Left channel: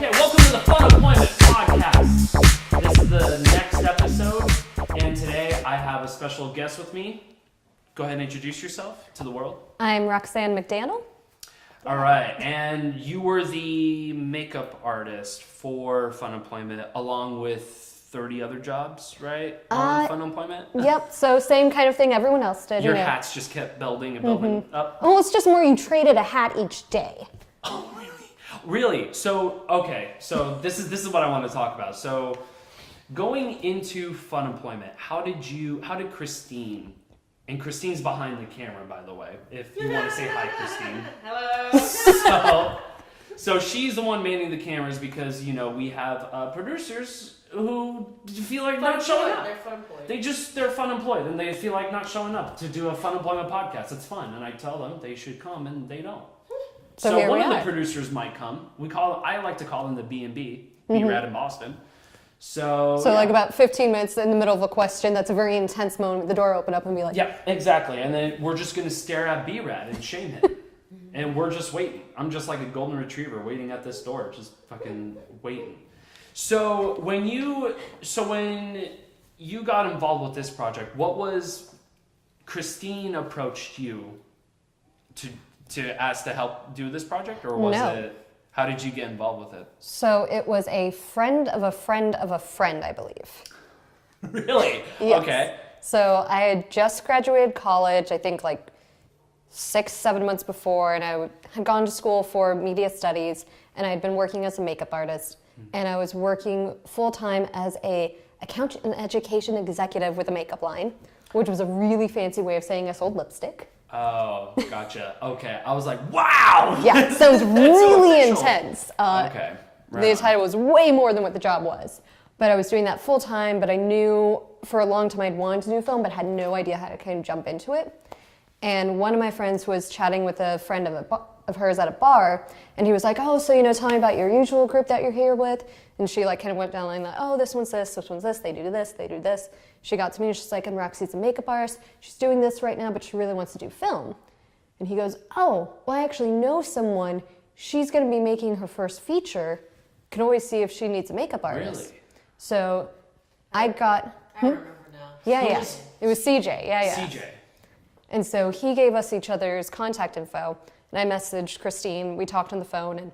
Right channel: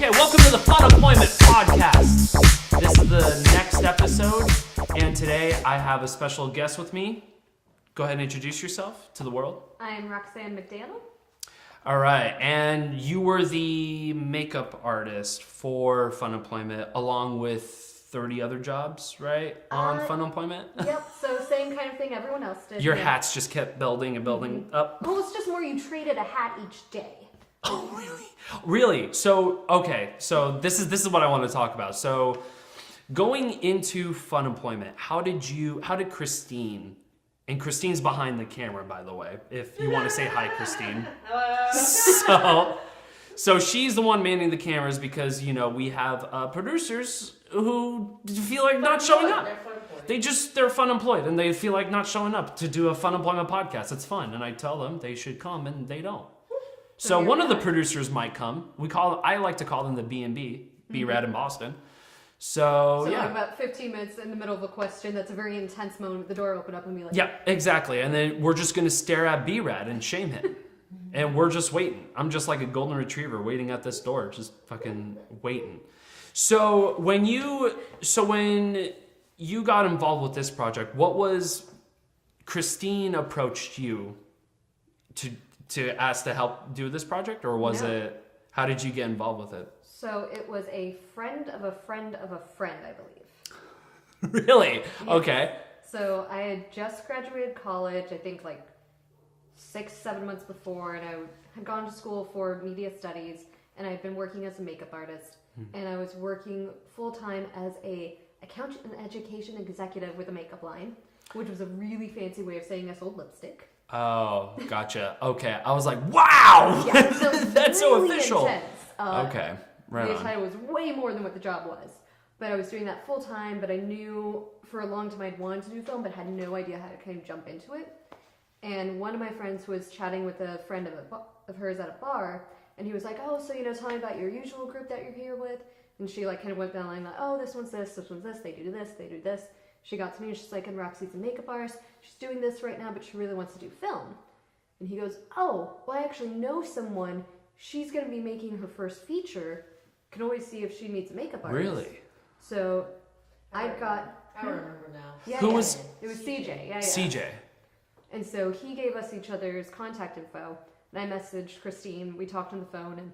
Okay, welcome to the Funemployment podcast. This is the next episode, and today I have a special guest with me. Go ahead and introduce yourself to the world. I'm Roxanne McDanel. All right, and you were the makeup artist for Funemployment along with 30 other jobs, right? On Funemployment? Yep, so same kind of thing everyone else did. Your hats just kept building and building up. Well, it's just more you traded a hat each day. Oh, really? Really? So, okay, so this is what I want to talk about. So, going into Funemployment, how did Christine, and Christine's behind the camera, by the way, if you want to say hi, Christine. Hello. So she's the one manning the cameras because, you know, we have producers who feel like not showing up. They're funemployed and they feel like not showing up to do a Funemployment podcast. It's fun. And I tell them they should come and they don't. So one of the producers might come. I like to call them the B&B, B-Rad in Boston. So yeah. Like about 15 minutes in the middle of a question, that's a very intense moment. The door open up and be like, yeah, exactly. And then we're just going to stare at B-Rad and shame him. And we're just waiting. I'm just like a golden retriever waiting at this door, just fucking waiting. So when you got involved with this project, what was Christine approached you to ask to help do this project, or was it? How did you get involved with it? So it was a friend of a friend of a friend, I believe. Really? Yes. Okay. So I had just graduated college, I think like 6-7 months before, and I had gone to school for media studies, and I had been working as a makeup artist, and I was working full-time as a account and education executive with a makeup line, which was a really fancy way of saying I sold lipstick. Oh, gotcha. Okay. I was like, wow! Yeah, so it was really so intense. Okay. The title was way more than what the job was. But I was doing that full-time, but I knew for a long time I'd wanted to do film, but had no idea how to kind of jump into it. And one of my friends was chatting with a friend of hers at a bar, and he was like, oh, so, tell me about your usual group that you're here with. And she kind of went down the line like, oh, this one's this one's this, they do this, they do this. She got to me and she's like, I'm Roxy's a makeup artist. She's doing this right now, but she really wants to do film. And he goes, oh, well, I actually know someone. She's going to be making her first feature. Can always see if she needs a makeup artist. Really? So I remember now. Yeah, Who yeah. was- It was CJ. Yeah. CJ. And so he gave us each other's contact info, and I messaged Christine. We talked on the phone, and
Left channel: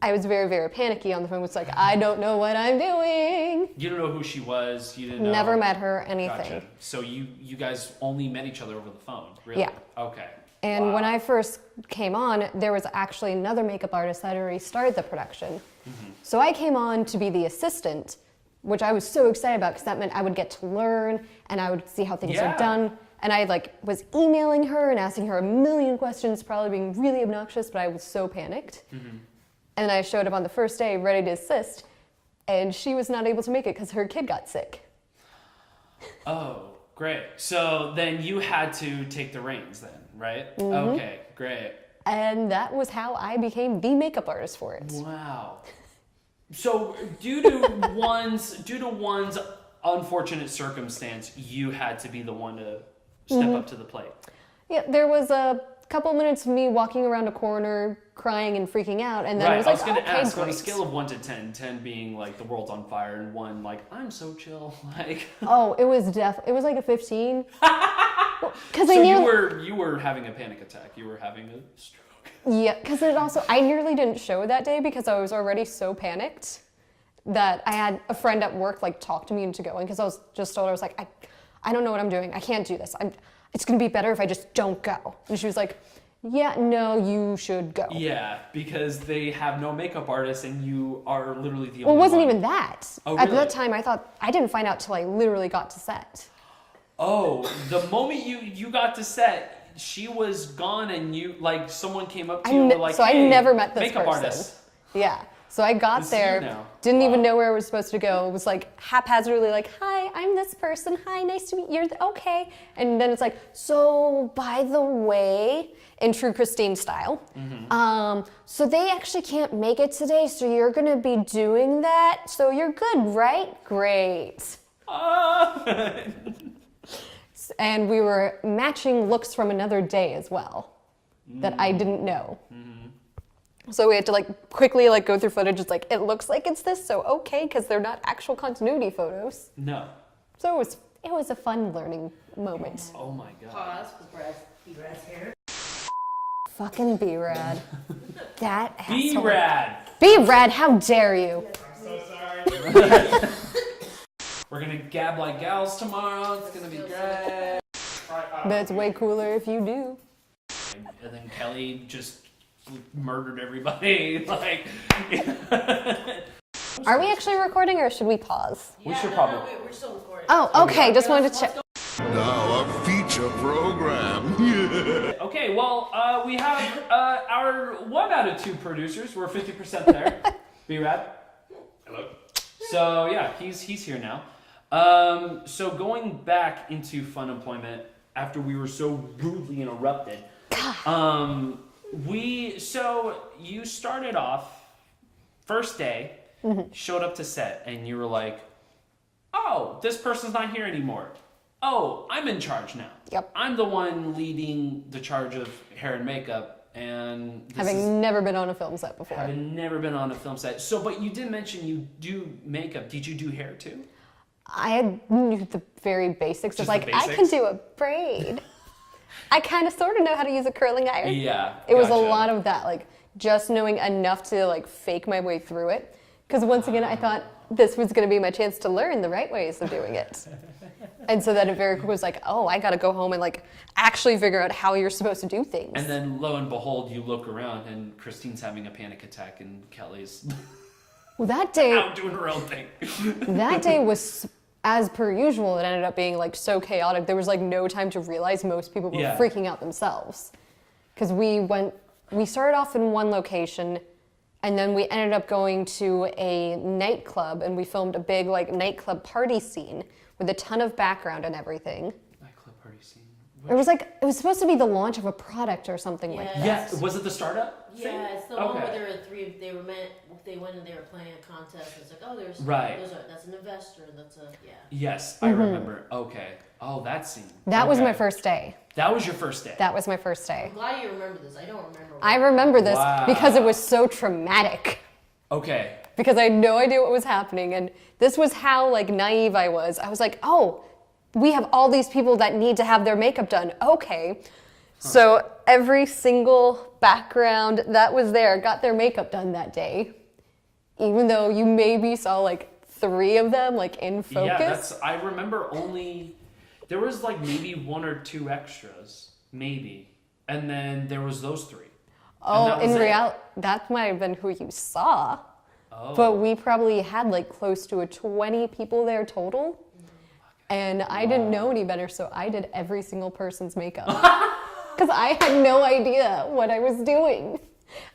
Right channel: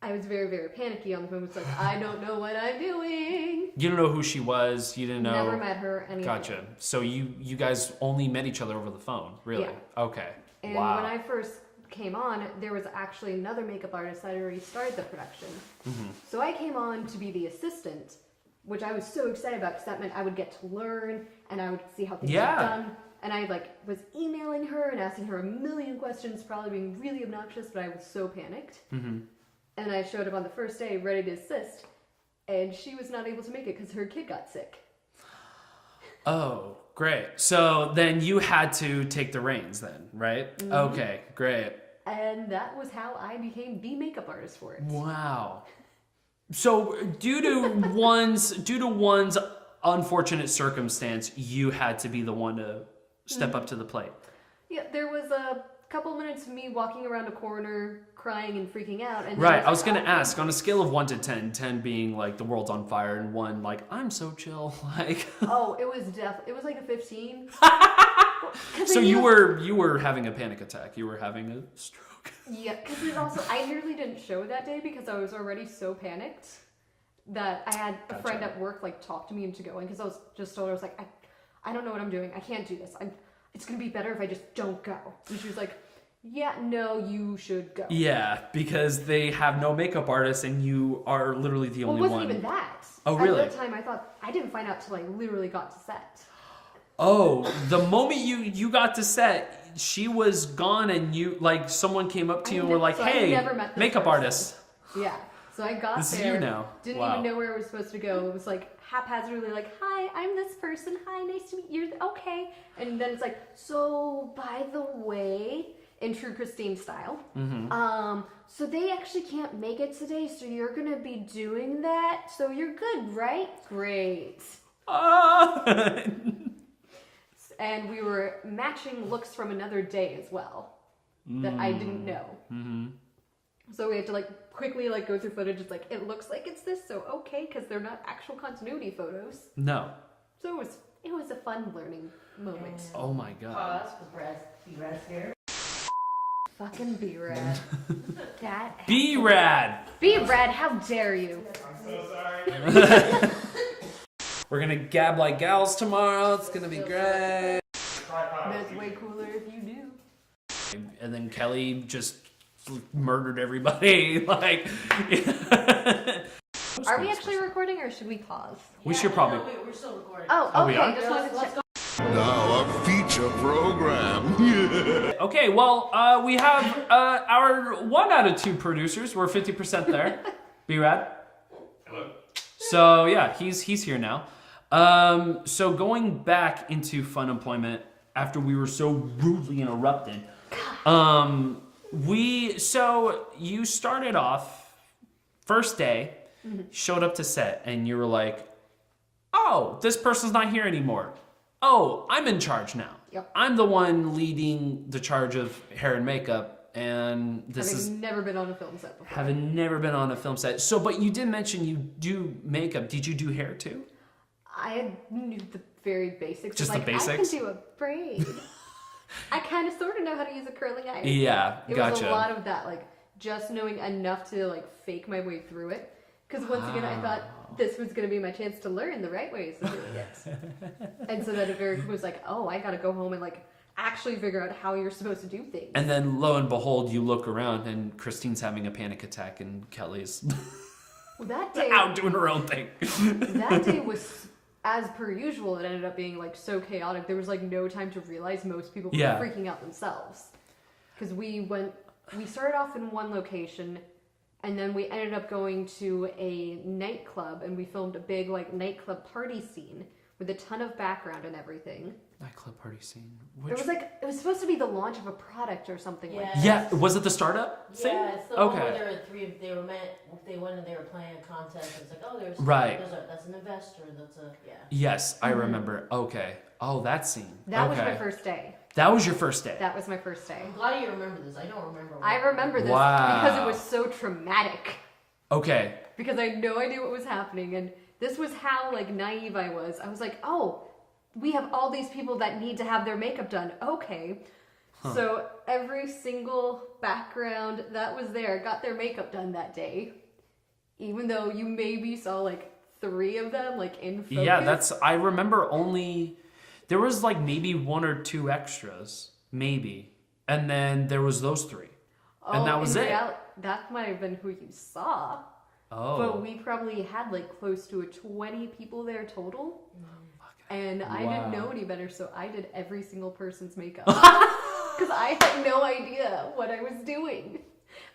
I was very, very panicky on the phone. It's like, I don't know what I'm doing. You don't know who she was. You didn't know. Never met her, anything. Gotcha. So you guys only met each other over the phone, really? Yeah. Okay. And Wow. when I first came on, there was actually another makeup artist that had already started the production. Mm-hmm. So I came on to be the assistant, which I was so excited about because that meant I would get to learn and I would see how things Yeah. were done. And I was emailing her and asking her a million questions, probably being really obnoxious, but I was so panicked. Mm-hmm. And I showed up on the first day ready to assist, and she was not able to make it because her kid got sick. Oh, great. So then you had to take the reins then, right? Mm-hmm. Okay, great. And that was how I became the makeup artist for it. Wow. So due to one's unfortunate circumstance, you had to be the one to step up to the plate. Yeah, there was a couple minutes of me walking around a corner, crying and freaking out, and then Right. I was like, going to okay, ask, on a great. scale of 1 to 10, 10 being like the world's on fire and 1 like I'm so chill, like. Oh, it was like a 15. So you were having a panic attack. You were having a stroke. Yeah, because I nearly didn't show that day because I was already so panicked that I had a friend at work talk to me into going because I was just told, I was like, I don't know what I'm doing. I can't do this. It's going to be better if I just don't go. And she was like, yeah, no, you should go. Yeah, because they have no makeup artists and you are literally the Well, only it wasn't one. even that. Oh, At really? that time, I didn't find out till I literally got to set. Oh, the moment you got to set, she was gone and you, someone came up to you and were like, so hey, I never met this makeup person. artist. Yeah. So I got This is there, you now. didn't Wow. even know where I was supposed to go. It was haphazardly hi, I'm this person. Hi, nice to meet you. Okay. And then it's so by the way, in true Christine style, so they actually can't make it today, so you're going to be doing that. So you're good, right? Great. And we were matching looks from another day as well that I didn't know. So we had to like quickly like go through footage. It's like, it looks like it's this, so okay, because they're not actual continuity photos. No. So it was a fun learning moment. Oh my god. Pause, because B-Rad's here. Fucking B-Rad. That asshole. B-Rad. B-Rad, how dare you? I'm so sorry. We're gonna gab like gals tomorrow. It's gonna be great. But it's way cooler if you do. And then Kelly just murdered everybody. Like, Are we actually recording or should we pause? we should probably. We're still recording. Oh, we okay, are? just wanted to check. Now a feature program. Okay, well, we have our 1 out of 2 producers. We're 50% there. B-Rad. Hello. So yeah, he's here now. So going back into Funemployment after we were so rudely interrupted. So you started off first day, showed up to set, and you were like, "Oh, this person's not here anymore. Oh, I'm in charge now. Yep. I'm the one leading the charge of hair and makeup, and this is." Having never been on a film set before. Having never been on a film set. So, but you did mention you do makeup. Did you do hair too? I knew the very basics. Just of like, the I can basics? do a braid. I kind of sort of know how to use a curling iron. Yeah, It was a gotcha. lot of that, like just knowing enough to like fake my way through it. Because once again, I thought this was going to be my chance to learn the right ways of doing it. And so then it very quickly was like, oh, I got to go home and like actually figure out how you're supposed to do things. And then lo and behold, you look around and Christine's having a panic attack and Kelly's Well, that day, out doing her own thing. that day was as per usual. It ended up being like so chaotic. There was like no time to realize most people were Yeah. freaking out themselves. Because we started off in one location. And then we ended up going to a nightclub, and we filmed a big like nightclub party scene with a ton of background and everything. Nightclub party scene. It was supposed to be the launch of a product or something like that. Yeah, was it the startup thing? Yeah, it's the one where there were 3. They went and they were playing a contest. It's like, oh, Right. That's an investor. That's a Yes, I remember. Okay. Oh, that scene. That was Okay. my first day. That was your first day. That was my first day. I'm glad you remember this. I don't remember. I remember this Wow. because it was so traumatic. Okay. Because I had no idea what was happening, and this was how like naive I was. I was like, oh, we have all these people that need to have their makeup done. Okay. So every single background that was there got their makeup done that day. Even though you maybe saw like 3 of them like in focus. Yeah, I remember there was like maybe 1 or 2 extras, maybe. And then there was those 3. And that was in it. reality, that might have been who you saw. Oh. But we probably had like close to 20 people there total. And I didn't know any better, so I did every single person's makeup. Because I had no idea what I was doing.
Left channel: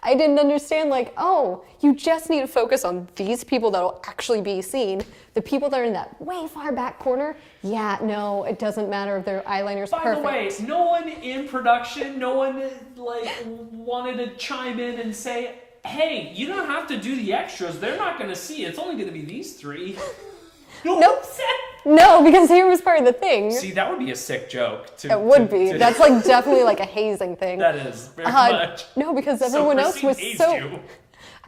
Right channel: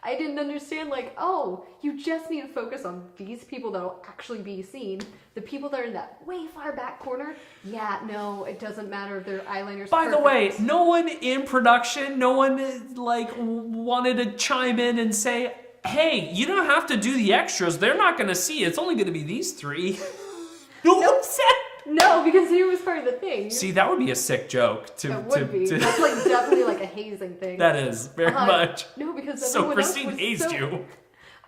I didn't understand, like, oh, you just need to focus on these people that will actually be seen. The people that are in that way far back corner, yeah, no, it doesn't matter if their eyeliner's By perfect. the way, no one in production, no one like wanted to chime in and say, hey, you don't have to do the extras. They're not going to see it. It's only going to be these 3. No one said. No, because here was part of the thing. See, that would be a sick joke. It would be. That's like definitely like a hazing thing. That is, very much. No, because So everyone else Christine was hazed so you.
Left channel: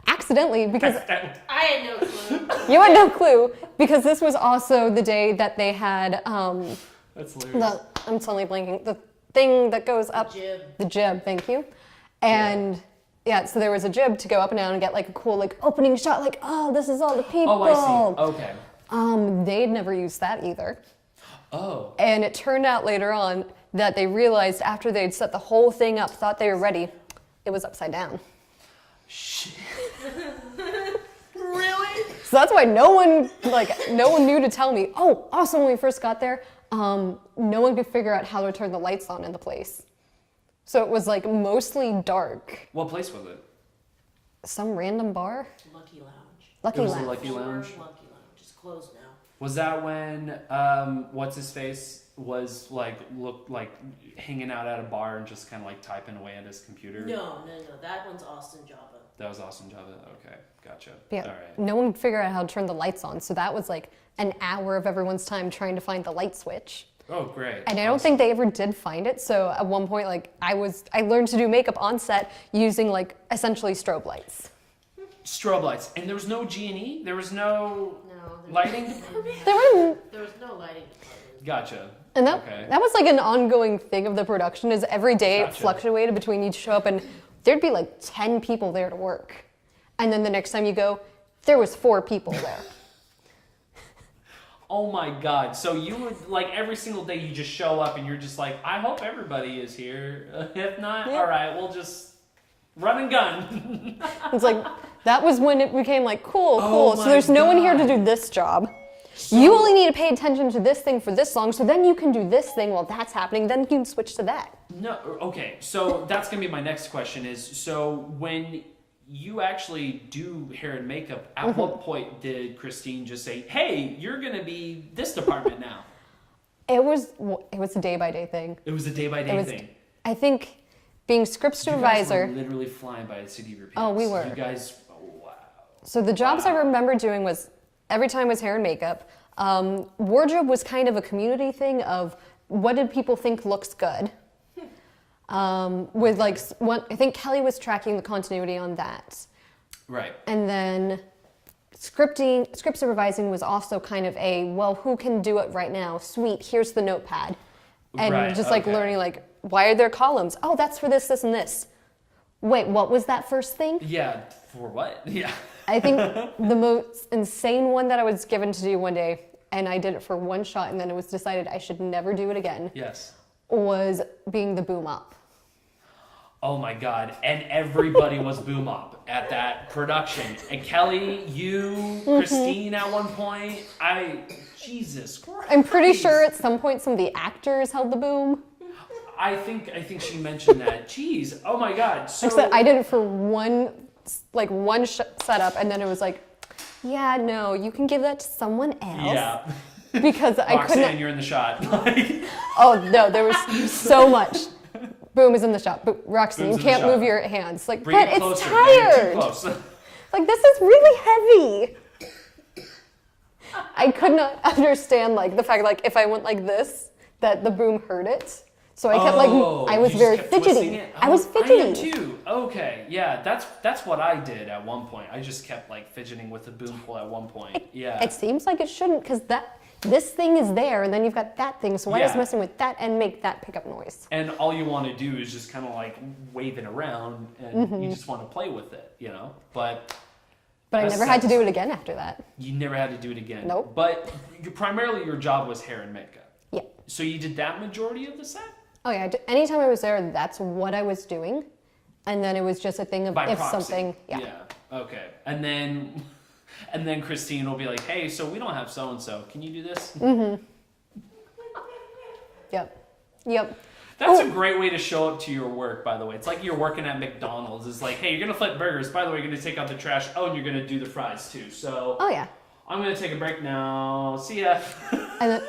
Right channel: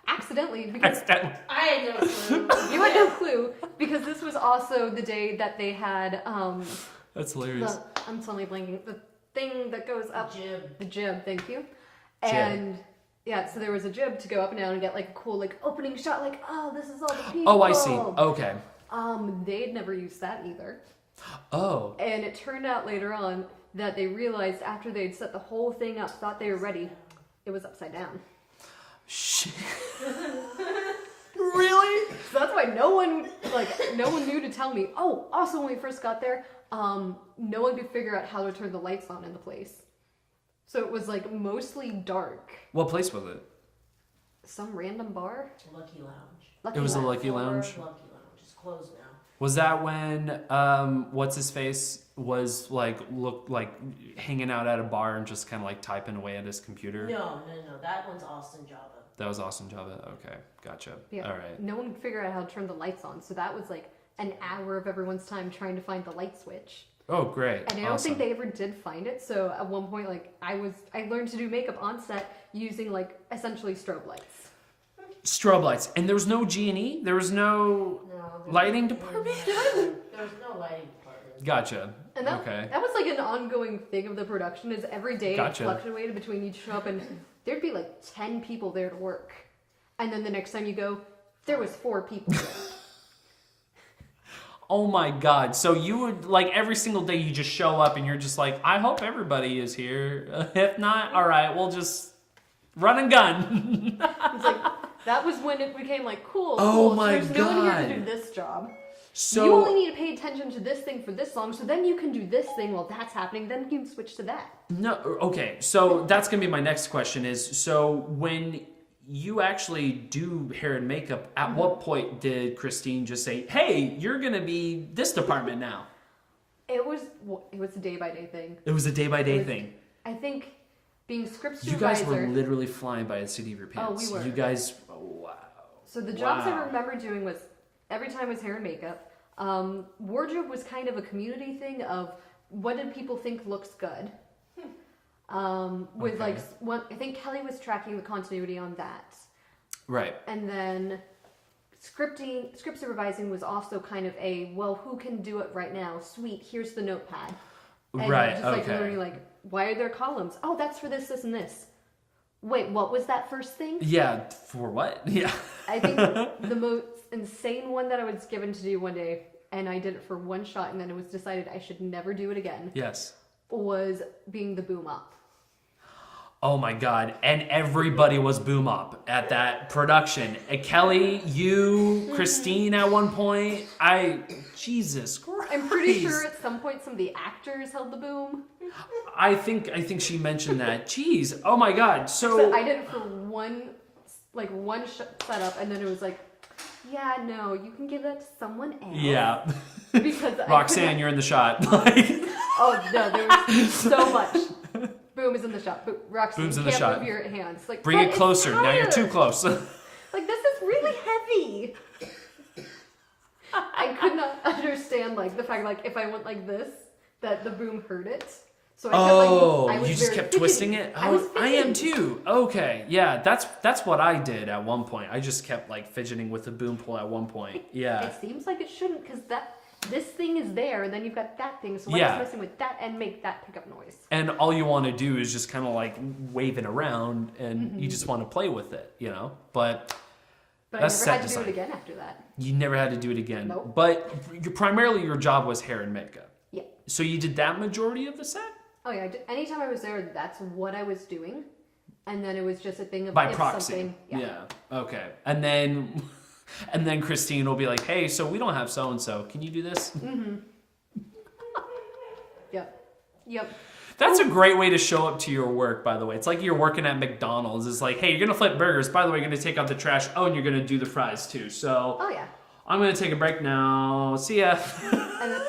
accidentally because I had no clue. you had no clue because this was also the day that they had That's hilarious. I'm suddenly blanking the thing that goes up Jib. the jib. Thank you. And yeah, so there was a jib to go up and down and get like a cool like opening shot. Like, oh, this is all the people. Oh, I see. Okay. They'd never used that either. Oh. And it turned out later on that they realized after they'd set the whole thing up, thought they were ready, it was upside down. Shit. Really? So that's why no one knew to tell me. Oh, also when we first got there, no one could figure out how to turn the lights on in the place. So it was like mostly dark. What place was it? Some random bar? Lucky Lounge. Lucky It was a Lounge. Lucky Lounge. Lucky Lounge. It's closed now. Was that when what's his face was like hanging out at a bar and just kind of like typing away at his computer? No. That one's Austin Java. That was Austin Java. Okay, gotcha. Yeah. All right. No one could figure out how to turn the lights on. So that was like an hour of everyone's time trying to find the light switch. Oh, great. And I don't think they ever did find it. So at one point, like I learned to do makeup on set using like essentially strobe lights. Strobe lights. And there was no G&E? There was no lighting department? There was no lighting department. Gotcha. And that was like an ongoing thing of the production is every day it fluctuated between you'd show up and there'd be like 10 people there to work. And then the next time you go, there was 4 people there. Oh my God. So you would, like, every single day you just show up and you're just like, I hope everybody is here. If not, all right, we'll just run and gun. It's like, that was when it became like, cool. Oh So there's no one here God. to do this job. So, You only need to pay attention to this thing for this long, so then you can do this thing while that's happening, then you can switch to that. No, okay. So that's going to be my next question is, so when you actually do hair and makeup, at what point did Christine just say, hey, you're going to be this department now? It was a day-by-day thing. It was a day-by-day thing. I think being script You guys supervisor... were literally flying by the seat of your pants. Oh, we were. You guys, wow. So the jobs I remember doing was, every time was hair and makeup. Wardrobe was kind of a community thing of what did people think looks good. With like, I think Kelly was tracking the continuity on that. Right. And then script supervising was also kind of a, well, who can do it right now? Sweet, here's the notepad. And just like learning like, why are there columns? Oh, that's for this, this, and this. Wait, what was that first thing? Yeah, for what? Yeah. I think the most insane one that I was given to do one day, and I did it for one shot, and then it was decided I should never do it again, Yes. was being the boom up. Oh my God. And everybody was boom up at that production. And Kelly, you, Christine at one point. Jesus Christ. I'm pretty sure at some point some of the actors held the boom. I think she mentioned that. Jeez. Oh my God. So I did it for one setup, and then it was like, yeah, no, you can give that to someone else. Yeah. Because I Roxanne, couldn't. you're in the shot. Oh no, there was so much. Boom is in the shot. But Roxanne, Boom's you in the can't shot. move your hands. Like, Bring but it closer. It's Now you're too tired. close. Like, this is really heavy. I could not understand like the fact like if I went like this, that the boom heard it. So I kept like I was you just very kept fidgety. twisting it? I was I fidgeting. am too. Okay. Yeah, that's what I did at one point. I just kept like fidgeting with the boom pole at one point. Yeah. It seems like it shouldn't because this thing is there and then you've got that thing. So why is messing with that and make that pick up noise? And all you want to do is just kind of like wave it around and you just want to play with it, you know? But I never had to do it again after that. You never had to do it again. Nope. But primarily your job was hair and makeup. Yeah. So you did that majority of the set? Oh yeah. Anytime I was there, that's what I was doing. And then it was just a thing of By if proxy. something. Yeah. Okay. And then Christine will be like, hey, so we don't have so-and-so. Can you do this? Yep. That's a great way to show up to your work, by the way. It's like you're working at McDonald's. It's like, hey, you're going to flip burgers. By the way, you're going to take out the trash. Oh, and you're going to do the fries, too. So Oh yeah. I'm going to take a break now. See ya. And then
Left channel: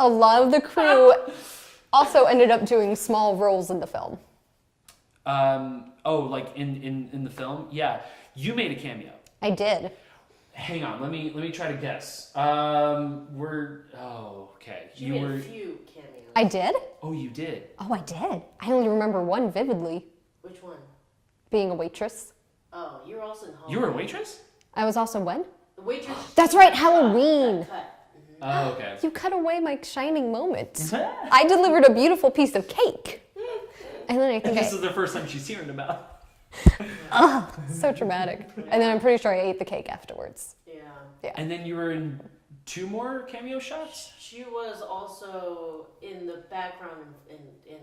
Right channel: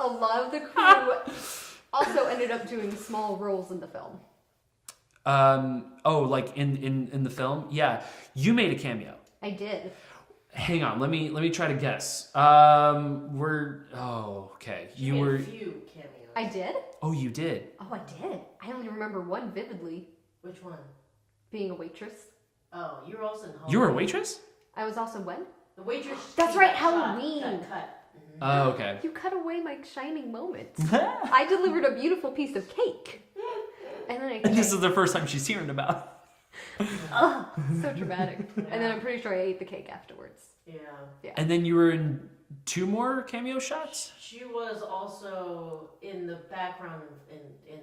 a lot of the crew also ended up doing small roles in the film. Like in the film? Yeah. You made a cameo. I did. Hang on, let me try to guess. Okay. You made a few cameos. I did? Oh, you did. Oh, I did. I only remember one vividly. Which one? Being a waitress. Oh, you were also in Halloween. You were a waitress? I was also when? The waitress. That's right, Halloween. Cut. Oh, okay. You cut away my shining moment. I delivered a beautiful piece of cake. And then I think This is the first time she's hearing about. so traumatic. And then I'm pretty sure I ate the cake afterwards. Yeah. And then you were in 2 more cameo shots? She was also in the background in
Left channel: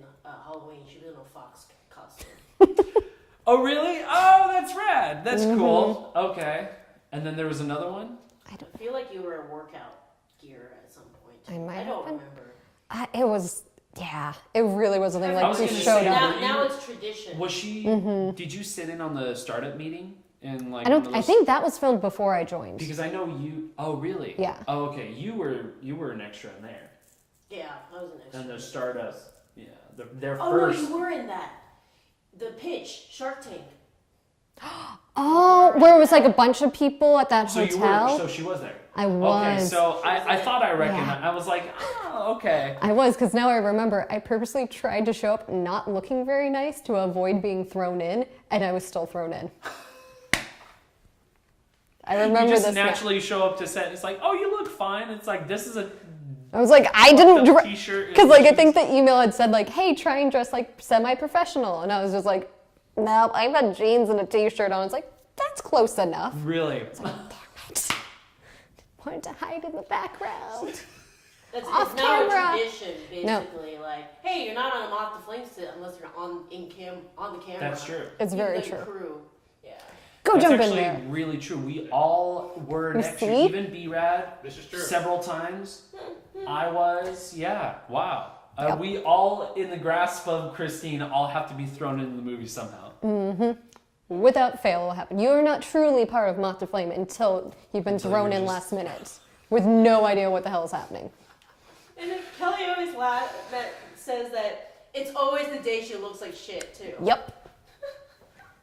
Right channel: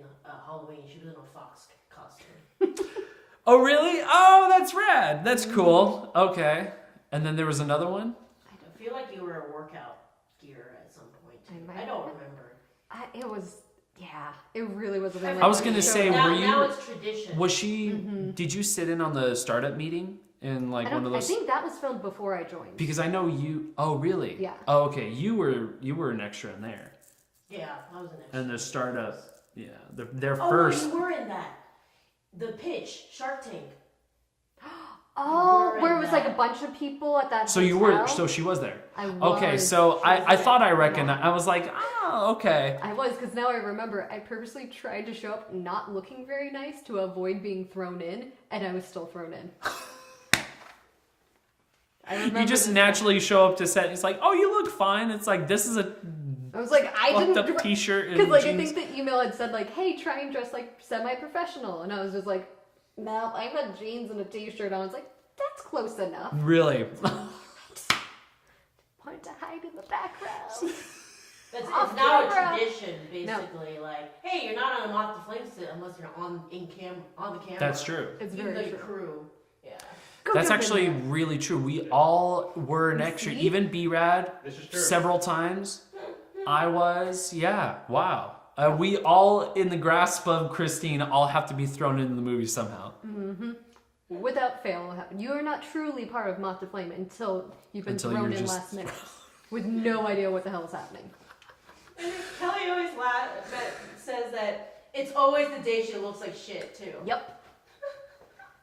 Halloween. She was in a fox costume. Oh, really? Oh, that's rad. That's cool. Okay. And then there was another one? I feel like you were a workout gear at some point. I don't been. remember. It was, yeah, it really was a thing. Like, I was we going to showed say, up. were you... Now it's tradition. Was she... Did you sit in on the startup meeting? And like I think that was filmed before I joined. Because I know you... Oh, really? Yeah. Oh, okay. You were an extra in there. Yeah, I was an extra. And the startup... Yeah. Their Oh, first... no, you were in that. The pitch, Shark Tank. Oh, where it was like a bunch of people at that So hotel. so she was there. I was. Okay, so I thought I recognized. Yeah. I was like, oh, okay. I was, because now I remember I purposely tried to show up not looking very nice to avoid being thrown in, and I was still thrown in. I remember You just this naturally show up to set. It's like, oh, you look fine. It's like, this is a I was like, I fucked didn't up t-shirt and because like I jeans. think the email had said like, hey, try and dress like semi-professional, and I was just like, nope, I had jeans and a t-shirt on. I was like, that's close enough. Really. Wanted to hide in the background. It's Off now a camera. tradition, basically. Like, hey, you're not on a Moth the Flame sit unless you're on the camera. That's true. It's Even very the true. Crew. Yeah. Go That's jump actually in there. really true. We all were an extra. See? Even B-Rad. This is true. Several times. I was. Yeah. Wow. We all, in the grasp of Christine, all have to be thrown into the movie somehow. Without fail will happen. You are not truly part of Moth to Flame until you've been Until thrown you're in just- last minute with no idea what the hell is happening. And then Kelly always says that it's always the day she looks like shit, too. Yep.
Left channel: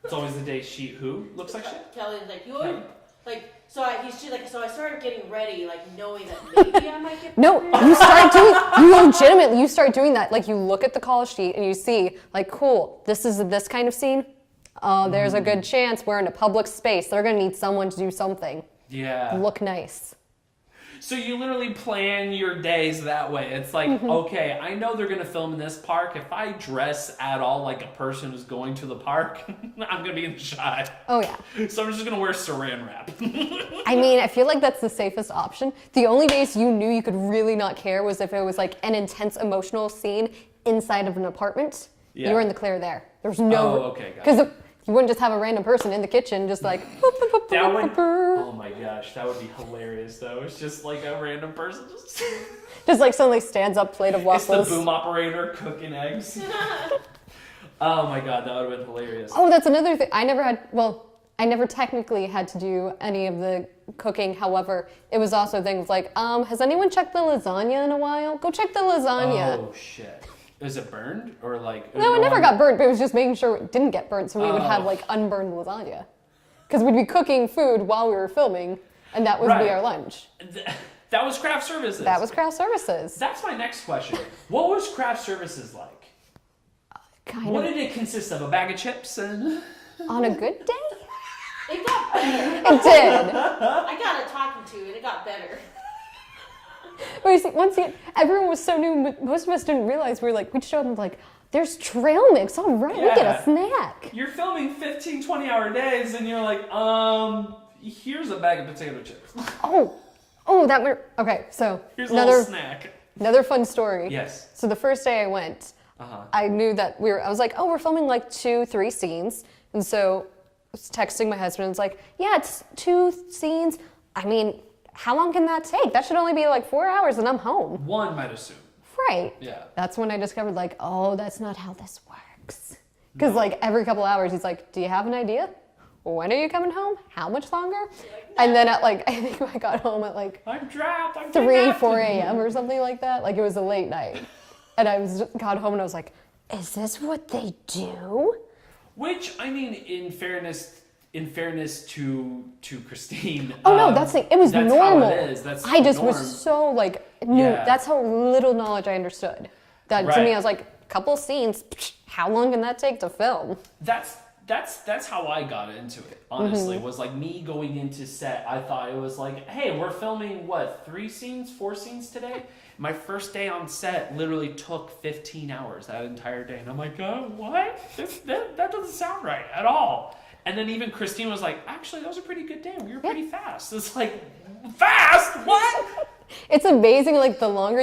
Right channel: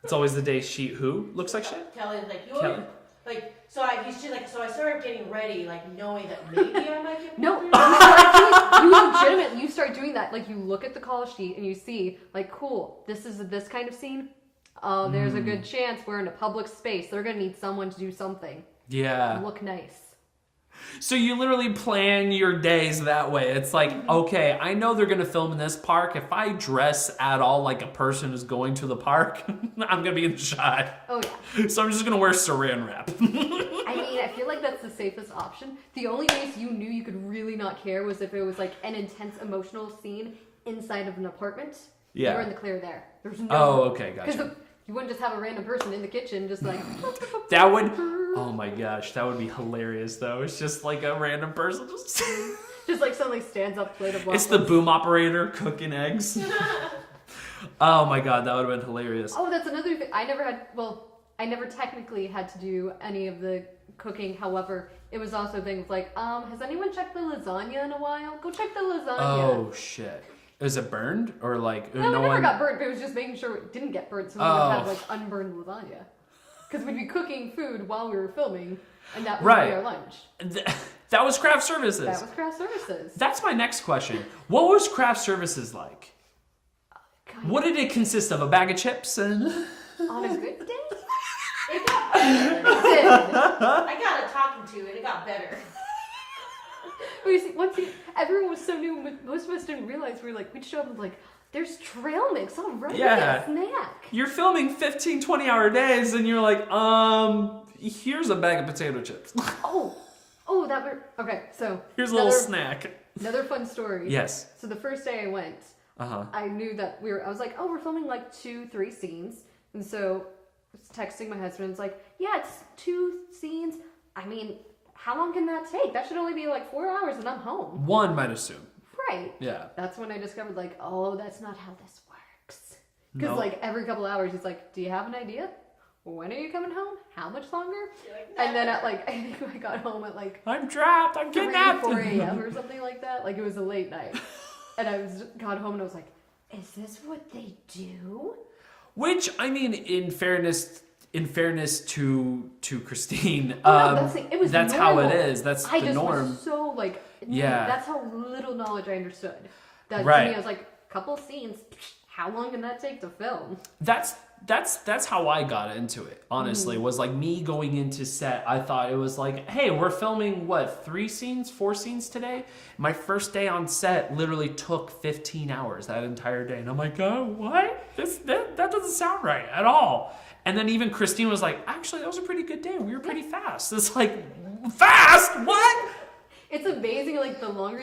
It's always the day who looks like shit? Kelly's like, you Kelly? always, like, so I started getting ready, like, knowing that maybe I might get No, you start doing that. Like, you look at the call sheet and you see, like, cool, this is this kind of scene. Oh, there's a good chance we're in a public space. They're going to need someone to do something. Yeah. Look nice. So you literally plan your days that way. It's like, okay, I know they're going to film in this park. If I dress at all like a person who's going to the park, I'm going to be in the shot. Oh, yeah. So I'm just going to wear saran wrap. I mean, I feel like that's the safest option. The only days you knew you could really not care was if it was like an intense emotional scene inside of an apartment. Yeah. You were in the clear there. There's no... Oh, okay, gotcha. Because you wouldn't just have a random person in the kitchen just like... That would, oh my gosh, that would be hilarious though. It's just like a random person. Just like suddenly stands up, plate of waffles. It's the boom operator cooking eggs. Oh my god, that would have been hilarious. Oh, that's another thing. I never technically had to do any of the cooking. However, it was also things like, has anyone checked the lasagna in a while? Go check the lasagna. Oh shit. Is it burned or like? No, it never got burnt, but it was just making sure it didn't get burnt so we would have like unburned lasagna. Because we'd be cooking food while we were filming, and that would be our lunch. That was craft services. That was craft services. That's my next question. What was craft services like? What did it consist of? A bag of chips and... On a good day? It got better. It did. I got a talking to, and it got better. But you see, once again, everyone was so new, most of us didn't realize we just showed up and like, there's trail mix, all right, we get a snack. You're filming 15, 20-hour days and you're like, here's a bag of potato chips. Okay, so. Here's a little snack. Another fun story. Yes. So the first day I went, I knew that I was like, oh, we're filming like 2-3 scenes. And so I was texting my husband, it's like, yeah, it's 2 scenes. I mean, how long can that take? That should only be like 4 hours and I'm home. One might assume. Right. Yeah. That's when I discovered like, oh, that's not how this works. Because No. like every couple hours he's like, do you have an idea? When are you coming home? How much longer? And then at like, I think I got home at like I'm trapped. I'm 3, 4 a.m. or something like that. Like it was a late night. And I got home and I was like, is this what they do? Which, I mean, in fairness to Christine. Oh no, that's the, it was that's normal. how it is. That's I the just norm. was so like, Yeah. that's how little knowledge I understood. That to Right. me, I was like, couple scenes, how long can that take to film? That's how I got into it, honestly. Was like me going into set. I thought it was like, hey, we're filming what, 4 scenes today? My first day on set literally took 15 hours that entire day. And I'm like, oh, what? That doesn't sound right at all. And then even Christine was like, actually, that was a pretty good day. We were pretty fast. It's like, fast? What? It's amazing, like, the longer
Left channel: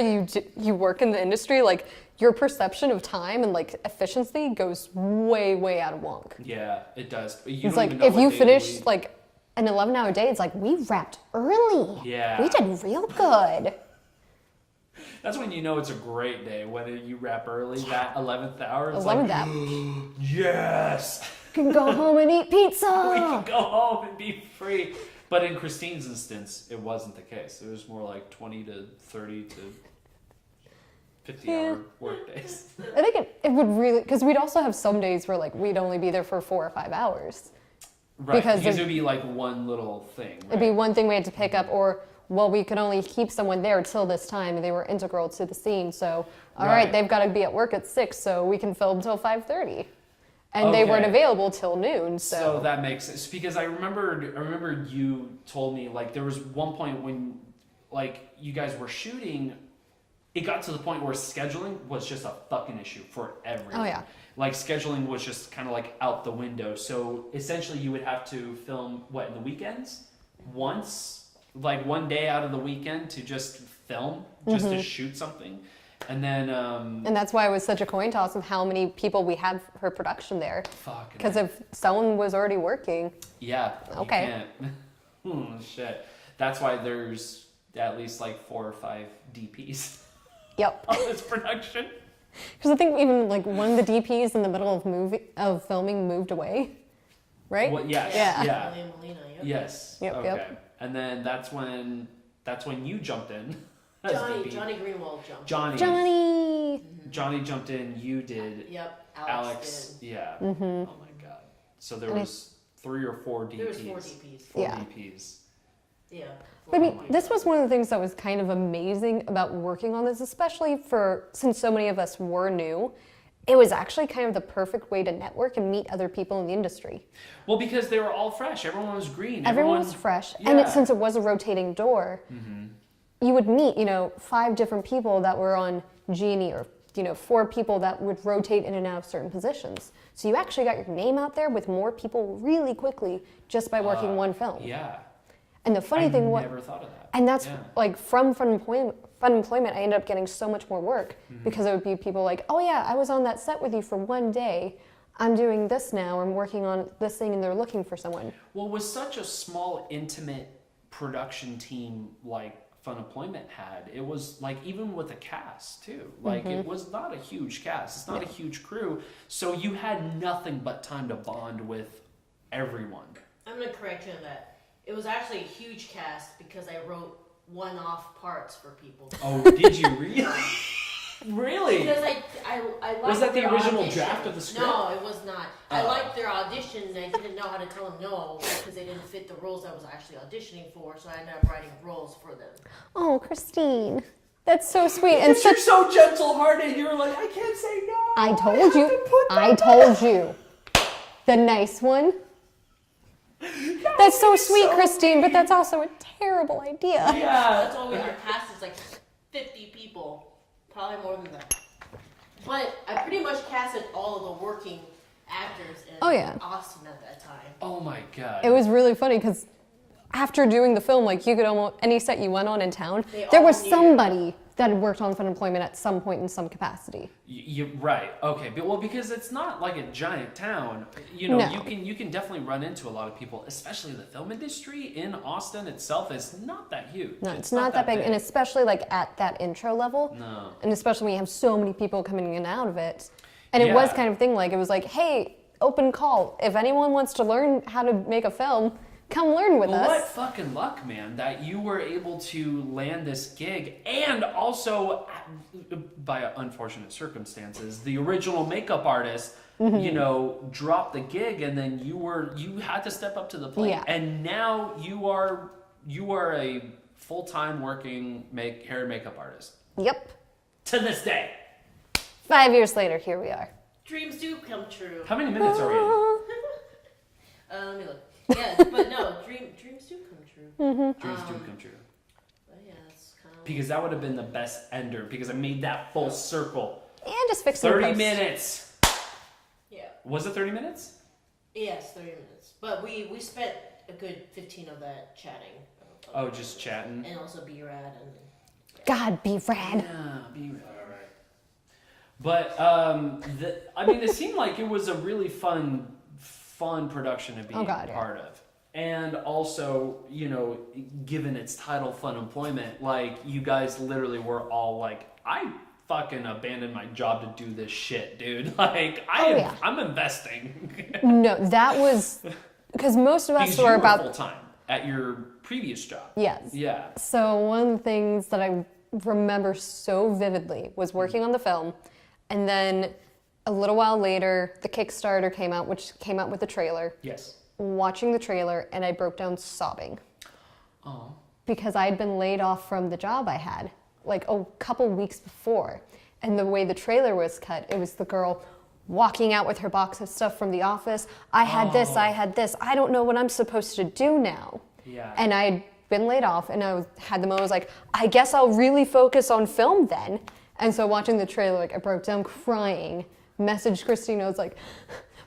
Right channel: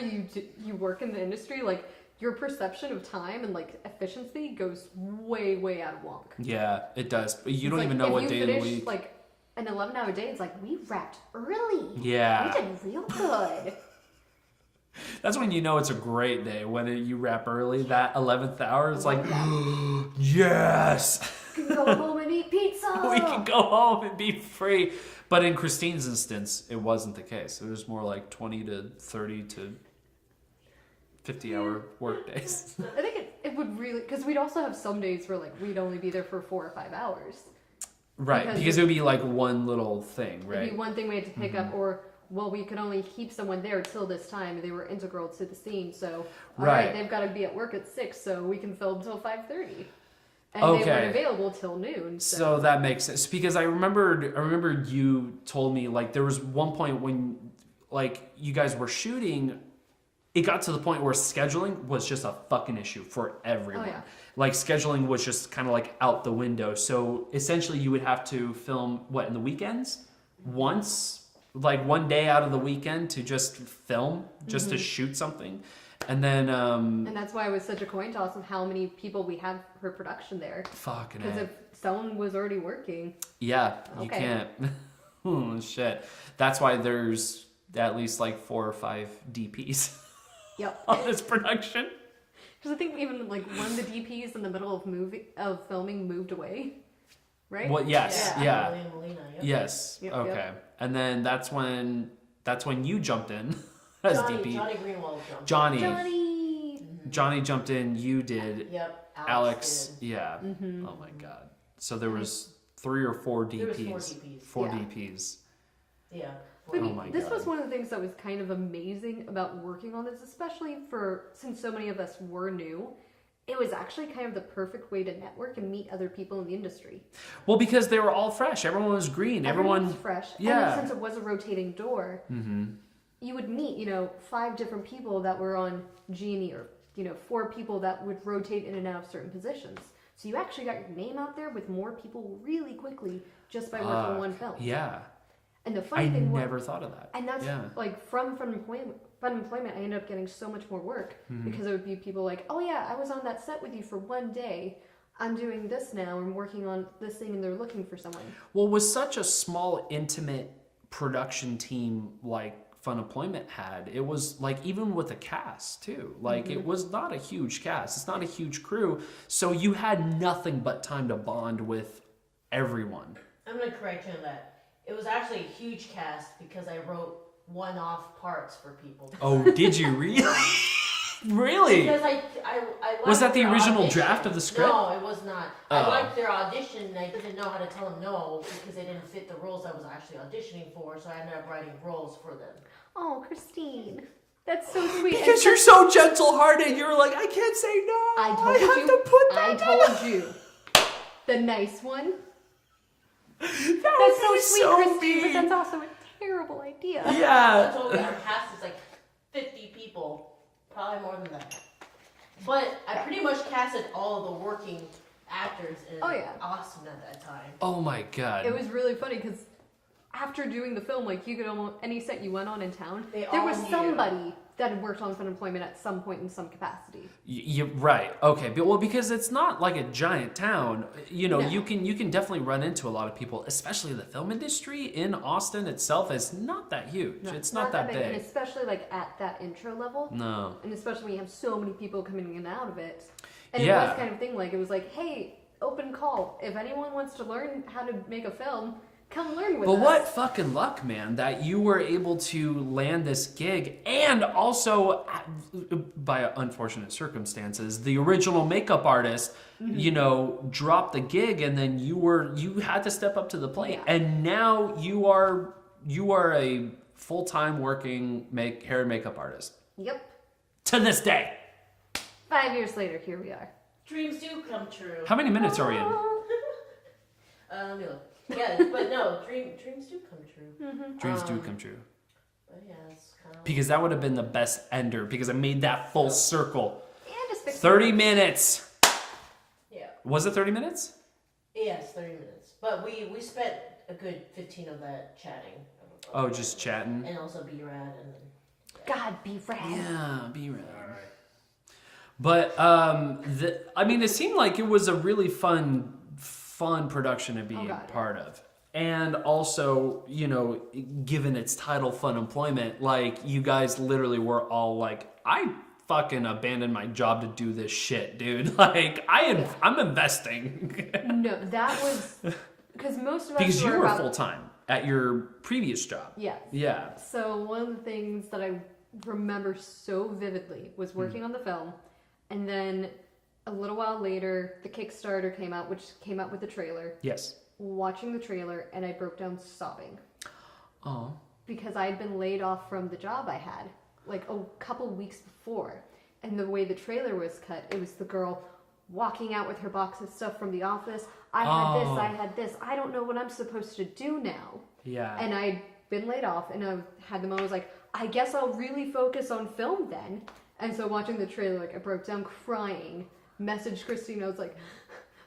you work in the industry, like, your perception of time and, like, efficiency goes way, way out of wonk. Yeah, it does. But you It's don't like, even know if what you day of the finish, week. like, an 11-hour day, it's like, we wrapped early. Yeah. We did real good. That's when you know it's a great day, when you wrap early, that 11th hour. It's 11th like, hour. yes! We can go home and eat pizza. We can go home and be free. But in Christine's instance, it wasn't the case. It was more like 20 to 30 to 50-hour work days. I think it would really, because we'd also have some days where, like, we'd only be there for 4 or 5 hours. Right, because it would be like one little thing, right? It'd be one thing we had to pick up, or, well, we could only keep someone there till this time, and they were integral to the scene, so, all right, they've got to be at work at 6, so we can film till 5:30. And they weren't available till noon, so that makes sense, because I remembered you told me, like, there was one point when, like, you guys were shooting, it got to the point where scheduling was just a fucking issue for everyone. Oh, yeah. Like, scheduling was just kind of like out the window. So essentially you would have to film, what, in the weekends? Once, like one day out of the weekend to just film, just to shoot something. And then... and that's why it was such a coin toss of how many people we had for production there. Fucking Because if someone was already working... Yeah, you Okay. can't. Oh, shit. That's why there's at least like 4 or 5 DPs Yep. on this production. Because I think even like one of the DPs in the middle of filming moved away, right? Well, yes, yeah. Melina, yep. Yes. Yep, okay. yep. And then that's when you jumped in as DP. Johnny Greenwald jumped. Johnny jumped in. You did. Yep. Alex. did. Yeah. Oh my god. So there was 3 or 4 DPs. There was 4 DPs. 4 Yeah. DPs. Yeah. But I mean, my this God. was one of the things that was kind of amazing about working on this, especially since so many of us were new. It was actually kind of the perfect way to network and meet other people in the industry. Well, because they were all fresh. Everyone was green. Everyone was fresh. Yeah. And since it was a rotating door, you would meet, 5 different people that were on Genie, or, 4 people that would rotate in and out of certain positions. So you actually got your name out there with more people really quickly just by working one film. Yeah. And the funny thing was... I never thought of that. And that's like from Funemployment, I ended up getting so much more work because it would be people like, oh yeah, I was on that set with you for one day. I'm doing this now. I'm working on this thing, and they're looking for someone. Well, with such a small, intimate production team like Funemployment had, it was like, even with a cast too, like it was not a huge cast. It's not a huge crew. So you had nothing but time to bond with everyone. I'm going to correct you on that. It was actually a huge cast because I wrote one-off parts for people. Oh, did you really? Really? Because I liked Was that the their original audition. draft of the script? No, it was not. I liked their audition, and I didn't know how to tell them no because they didn't fit the roles I was actually auditioning for, so I ended up writing roles for them. Oh, Christine. That's so sweet. Because you're so gentle-hearted. You were like, I can't say no. I told have you. to put that I told you. The nice one. That's so sweet, Christine, but that's also a terrible idea. Yeah. That's why our cast is like 50 people, probably more than that. But I pretty much casted all of the working actors in Austin at that time. Oh my god. It was really funny because after doing the film, like you could almost, any set you went on in town, there was somebody that had worked on Funemployment at some point in some capacity. You're right. Okay. But, well, because it's not like a giant town, No. you can definitely run into a lot of people, especially the film industry in Austin itself is not that huge. No, it's not that big, and especially like at that intro level. No. And especially when you have so many people coming in and out of it. And it was kind of thing like, it was like, hey, open call. If anyone wants to learn how to make a film, come learn with us. But what fucking luck, man, that you were able to land this gig, and also, by unfortunate circumstances, the original makeup artist, dropped the gig, and then you had to step up to the plate, and now you are a full-time working hair and makeup artist. Yep. To this day. 5 years later, here we are. Dreams do come true. How many minutes are we in? Let me look. Yeah, but no, dreams do come true. Dreams do come true. But yeah, that's kind of... Because that would have been the best ender, because I made that full circle. And just fix 30 minutes. Yeah. Was it 30 minutes? Yes, 30 minutes. But we spent a good 15 of that chatting. Oh, just chatting? And also B-Rad and... God, be rad. Yeah, be rad. But, it seemed like it was a really fun production to be part of. And also, given its title, Funemployment, like, you guys literally were all like, I fucking abandoned my job to do this shit, dude. Like, I'm investing. No, that was... Because most of us because were you were about... full-time at your previous job. Yes. Yeah. So one of the things that I remember so vividly was working on the film, and then a little while later, the Kickstarter came out, which came out with the trailer. Yes. watching the trailer and I broke down sobbing. Oh. Because I had been laid off from the job I had like a couple weeks before. And the way the trailer was cut, it was the girl walking out with her box of stuff from the office. I had this, I had this. I don't know what I'm supposed to do now. Yeah. And I had been laid off and I had the moment, I was like, I guess I'll really focus on film then. And so watching the trailer, like I broke down crying, messaged Christina, I was like,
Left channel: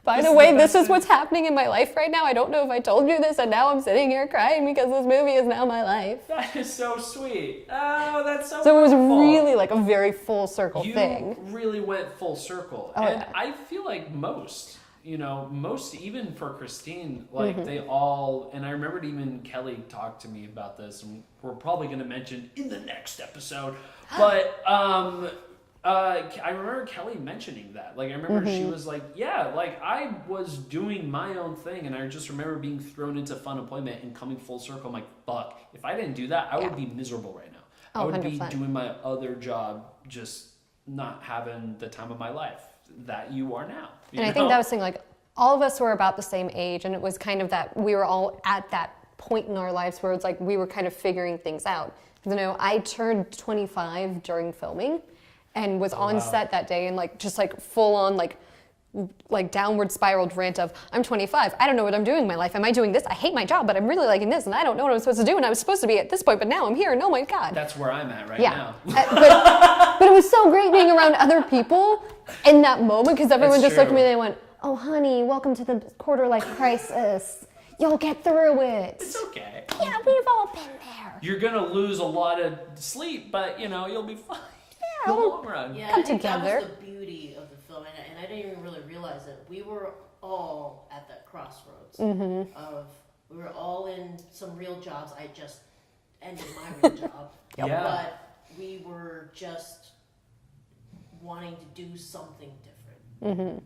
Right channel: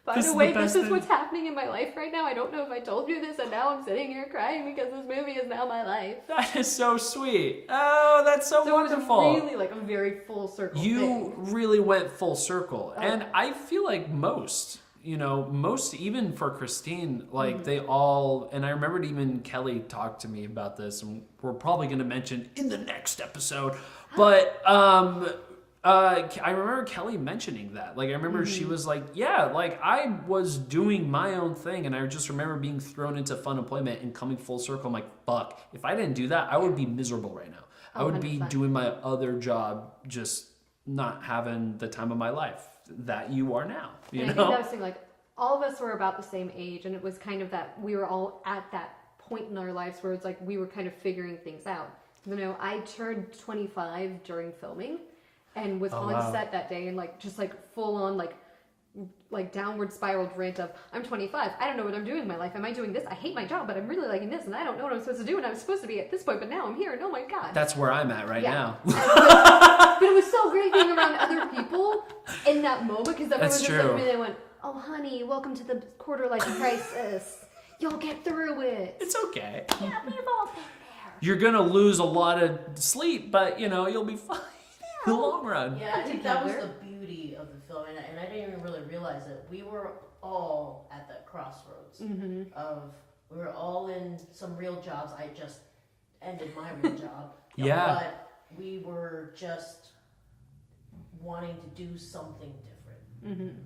by the way, this is what's happening in my life right now. I don't know if I told you this, and now I'm sitting here crying because this movie is now my life. That is so sweet. Oh, that's so So wonderful. it was really like a very full circle thing. You really went full circle. Oh, and yeah. I feel like most, even for Christine, like they all, and I remembered even Kelly talked to me about this, and we're probably going to mention in the next episode, but I remember Kelly mentioning that. Like, I remember she was like, yeah, like, I was doing my own thing, and I just remember being thrown into Funemployment and coming full circle. I'm like, fuck, if I didn't do that, I would be miserable right now. I would be 100%. doing my other job, just not having the time of my life that you are now. You And know? I think that was the thing, like, all of us were about the same age, and it was kind of that we were all at that point in our lives where it's like we were kind of figuring things out. I turned 25 during filming, and was on set that day and like just like full on like downward spiraled rant of I'm 25, I don't know what I'm doing in my life, am I doing this, I hate my job but I'm really liking this and I don't know what I'm supposed to do and I was supposed to be at this point but now I'm here and oh my god. That's where I'm at right now. But it was so great being around other people in that moment because everyone That's just looked at true. me and they went, oh honey, welcome to the quarter life crisis, you'll get through it. It's okay. Yeah, we've all been there. You're going to lose a lot of sleep, but, you'll be fine. In the long run. Yeah, Come I think together. that was the beauty of the film, and I didn't even really realize it. We were all at that crossroads of we were all in some real jobs. I just ended my real job, Yeah. but we were just wanting to do something different.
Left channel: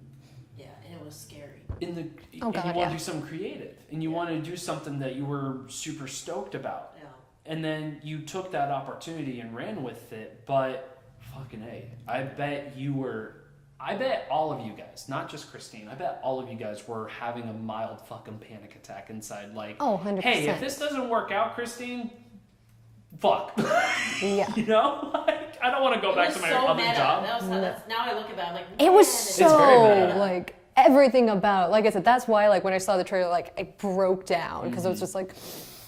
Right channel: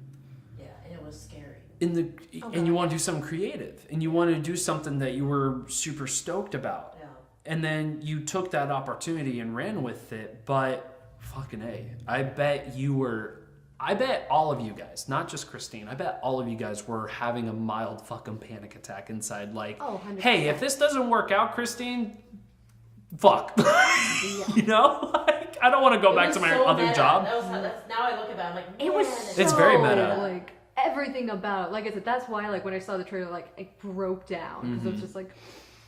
Yeah, and it was scary. And you want to do something creative, and you want to do something that you were super stoked about. Yeah. And then you took that opportunity and ran with it, but fucking A, I bet all of you guys, not just Christine, I bet all of you guys were having a mild fucking panic attack inside. Like, 100%. hey, if this doesn't work out, Christine, fuck. Yeah. Like, I don't want to go back to my other job. That's now I look at it, I'm like, It was man, so, very meta. like, everything about it. Like I said, that's why, like, when I saw the trailer, like, I broke down. Because it was just like,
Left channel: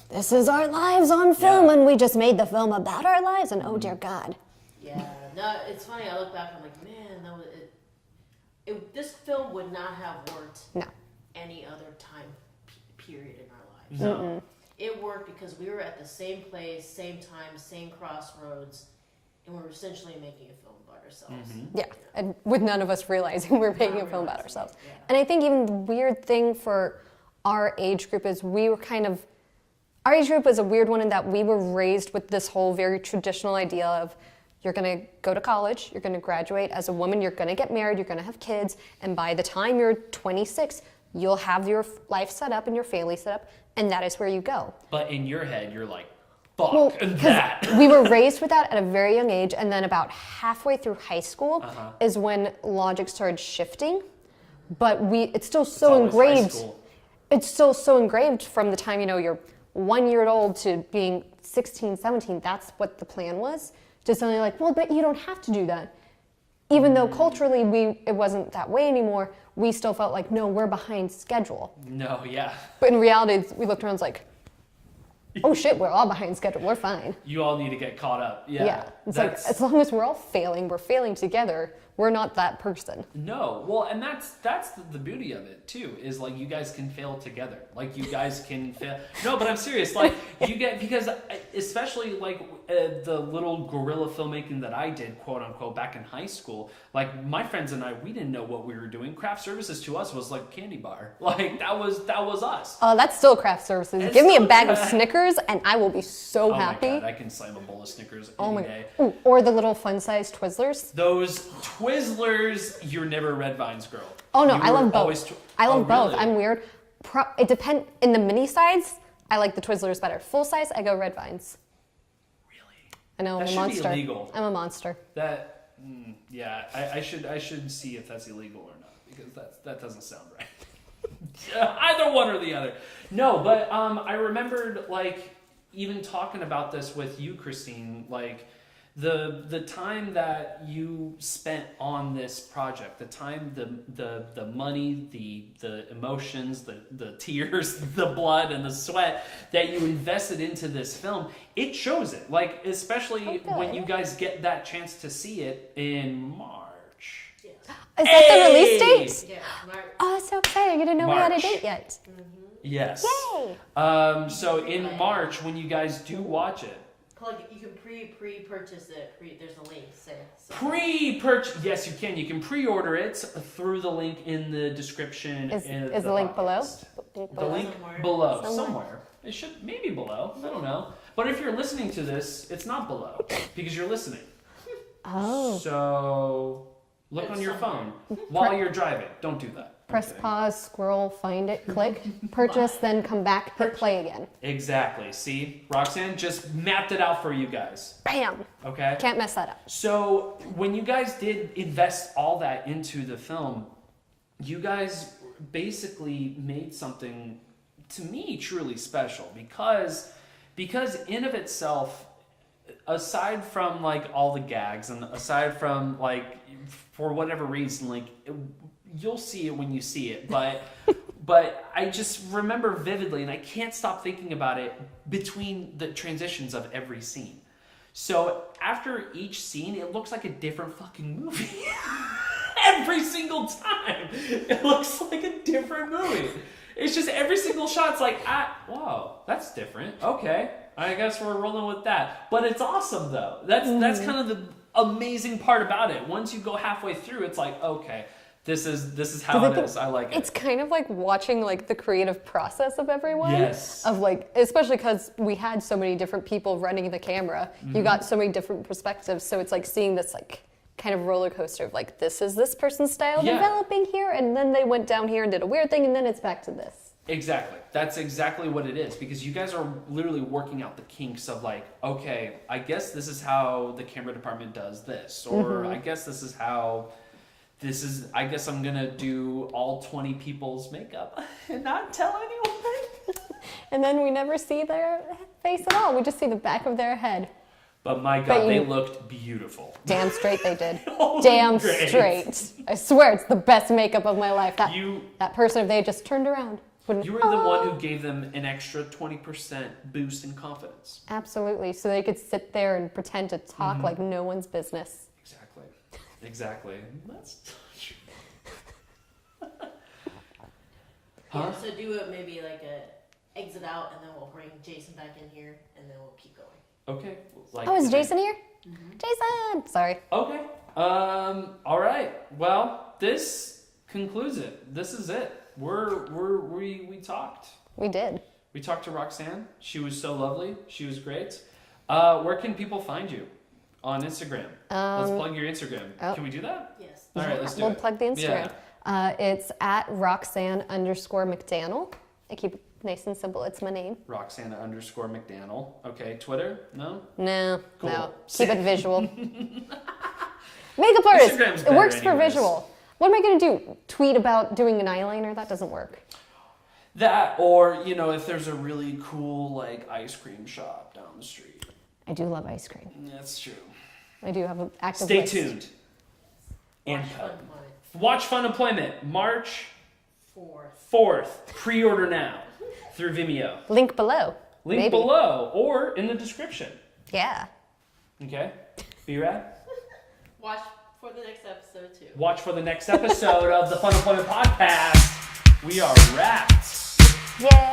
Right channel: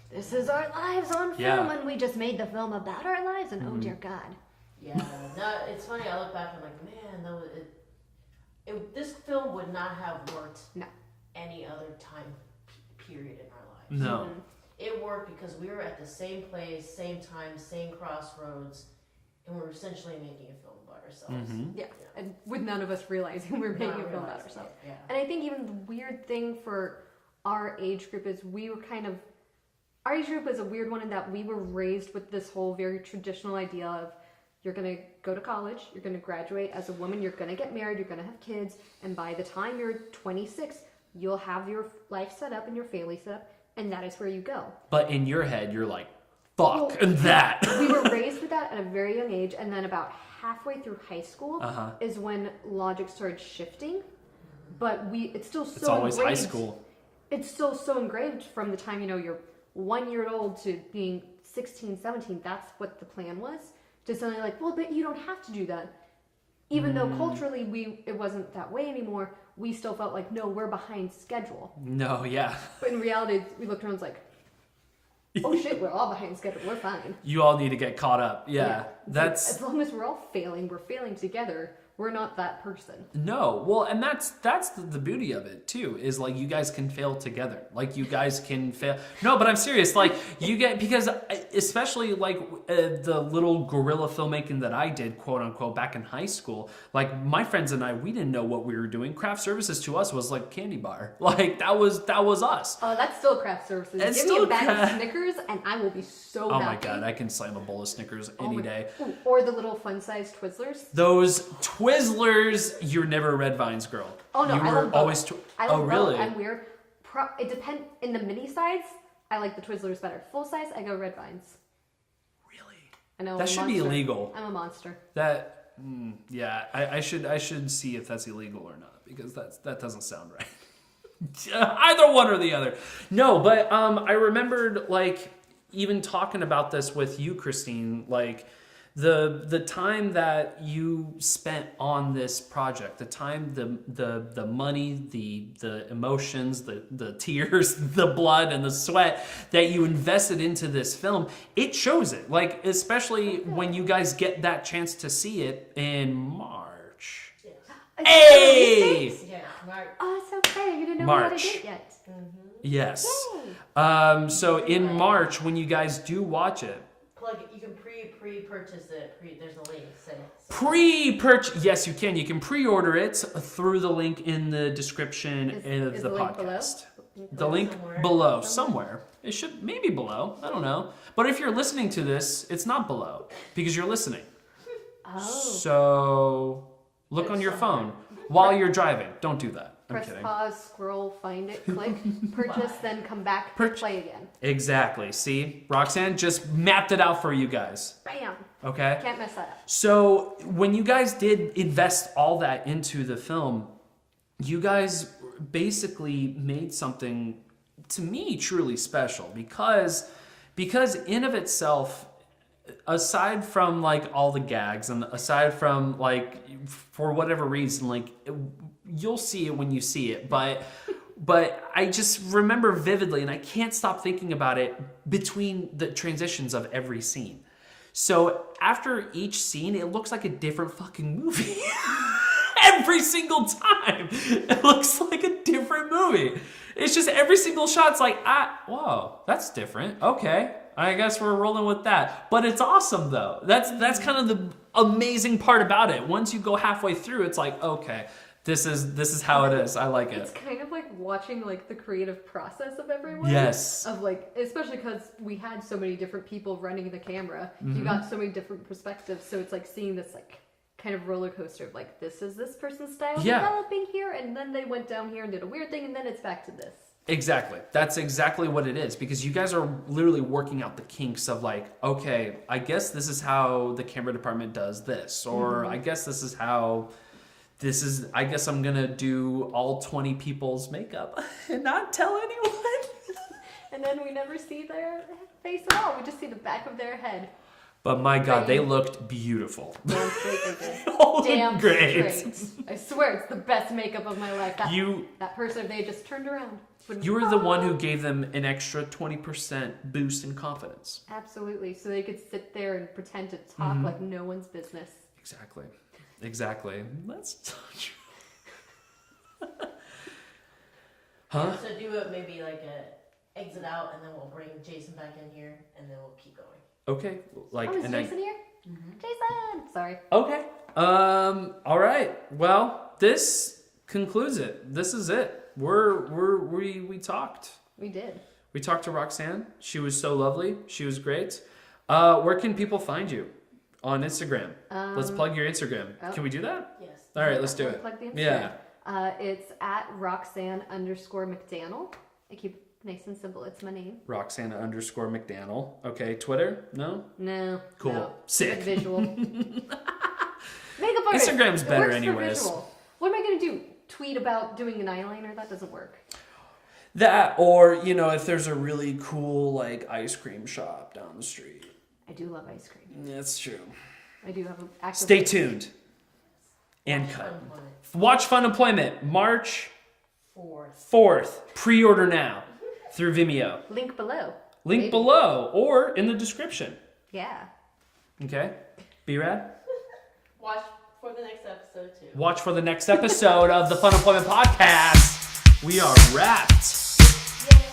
this is our lives on film, and we just made the film about our lives, and oh, dear God. Yeah, no, it's funny. I look back, I'm like, man, that was this film would not have worked any other time period in our lives. No. It worked because we were at the same place, same time, same crossroads, and we were essentially making a film about ourselves. Yeah, and with none of us realizing we were making a film about ourselves. Yeah. And I think even the weird thing for our age group is we were our age group was a weird one in that we were raised with this whole very traditional idea of you're going to go to college, you're going to graduate as a woman, you're going to get married, you're going to have kids, and by the time you're 26, you'll have your life set up and your family set up, and that is where you go. But in your head, you're like, fuck that. We were raised with that at a very young age, and then about halfway through high school is when logic started shifting. But it's still so always engraved. high school. It's still so engraved from the time you're 1 year old to being 16, 17. That's what the plan was. To suddenly like, well, but you don't have to do that. Even though culturally it wasn't that way anymore, we still felt like, no, we're behind schedule. No, yeah. But in reality, we looked around and was like, oh shit, we're all behind schedule, we're fine. You all need to get caught up. Yeah. It's like, as long as we're all failing, we're failing together. We're not that person. No. Well, and that's the beauty of it too, is like you guys can fail together. Like you guys can fail. No, but I'm serious. Like you get, because especially like the little guerrilla filmmaking that I did, quote unquote, back in high school, like my friends and I, we didn't know what we were doing. Craft services to us was like candy bar. Like that was us. That's still craft services. It's Give me a still bag of Snickers and I will be so Oh happy. my God, I can slam a bowl of Snickers any day. Ooh, or the little fun-sized Twizzlers. Those Twizzlers, you're never a Red Vines girl. Oh no, You I were love both. always I love both. really? I'm weird. It depends. In the mini size, I like the Twizzlers better. Full size, I go Red Vines. Really? I know. That I'm a should be monster. illegal. I'm a monster. Yeah, I should see if that's illegal or not, because that doesn't sound right. Either one or the other. No, but I remembered like even talking about this with you, Christine, like the time that you spent on this project, the time, the money, the emotions, the tears, the blood and the sweat that you invested into this film, it shows it. Like, especially when you guys get that chance to see it in March. Yes. Is that the release date? Yeah, March. Oh, so exciting. You didn't know we had a date yet. Yes. Yay. So in March, when you guys do watch it, You can pre-purchase it. There's a link. pre-purchase. Yes, you can. You can pre-order it through the link in the description Is of the the link podcast. below? The link Somewhere. below, somewhere. It should maybe below. I don't know. But if you're listening to this, it's not below because you're listening. Oh. So look on your phone while you're driving. Don't do that. I'm Press kidding. pause, scroll, find it, click, purchase, then come back, hit play again. Exactly. See, Roxanne just mapped it out for you guys. Bam. Okay. Can't mess that up. So when you guys did invest all that into the film, you guys basically made something, to me, truly special because in of itself, aside from like all the gags and aside from like for whatever reason, like you'll see it when you see it, but I just remember vividly, and I can't stop thinking about it between the transitions of every scene. So after each scene, it looks like a different fucking movie. Every single time, it looks like a different movie. It's just every single shot's like, whoa, that's different. Okay, I guess we're rolling with that. But it's awesome though. That's kind of the amazing part about it. Once you go halfway through, it's like, okay, this is how it is. I like it. It's kind of like watching like the creative process of everyone. Yes. Of like, especially because we had so many different people running the camera. You got so many different perspectives. So it's like seeing this like kind of roller coaster of like, this is this person's style developing here, and then they went down here and did a weird thing, and then it's back to this. Exactly. That's exactly what it is, because you guys are literally working out the kinks of like, okay, I guess this is how the camera department does this, or I guess this is how I guess I'm gonna do all 20 people's makeup and not tell anyone. And then we never see their face at all. We just see the back of their head. But my God, they looked beautiful. Damn straight they did. Oh, Damn great. straight. I swear it's the best makeup of my life. That person, if they had just turned around. You were the one who gave them an extra 20% boost in confidence. Absolutely. So they could sit there and pretend to talk like no one's business. Exactly. Let's touch. Yeah, so do it maybe like a exit out, and then we'll bring Jason back in here, and then we'll keep going. Okay. Like, is Jason here? Jason! Sorry. Okay. All right. Well, this concludes it. This is it. We talked. We did. We talked to Roxanne. She was so lovely. She was great. Where can people find you? On Instagram. Let's plug your Instagram. Can we do that? Yes. All right, let's do it. We'll plug the Instagram. It's at Roxanne_McDanel. I keep it nice and simple. It's my name. Roxanne_McDanel. Okay, Twitter? No? No. Cool. No. Sick. Keep it visual. Makeup artist. Instagram's it better works anyways. for visual. What am I going to do? Tweet about doing an eyeliner? That doesn't work. That, or, if there's a really cool, like, ice cream shop down the street. I do love ice cream. That's true. I do have an active Stay list. tuned. And Watch cut. Funemployment. Watch Funemployment, March 4th. 4th. Pre-order now through Vimeo. Link below. Link Maybe. below or in the description. Yeah. Okay? B-Rad? Watch for the next episode too. Watch for the next episode of the Funemployment Podcast. We are wrapped. Yay!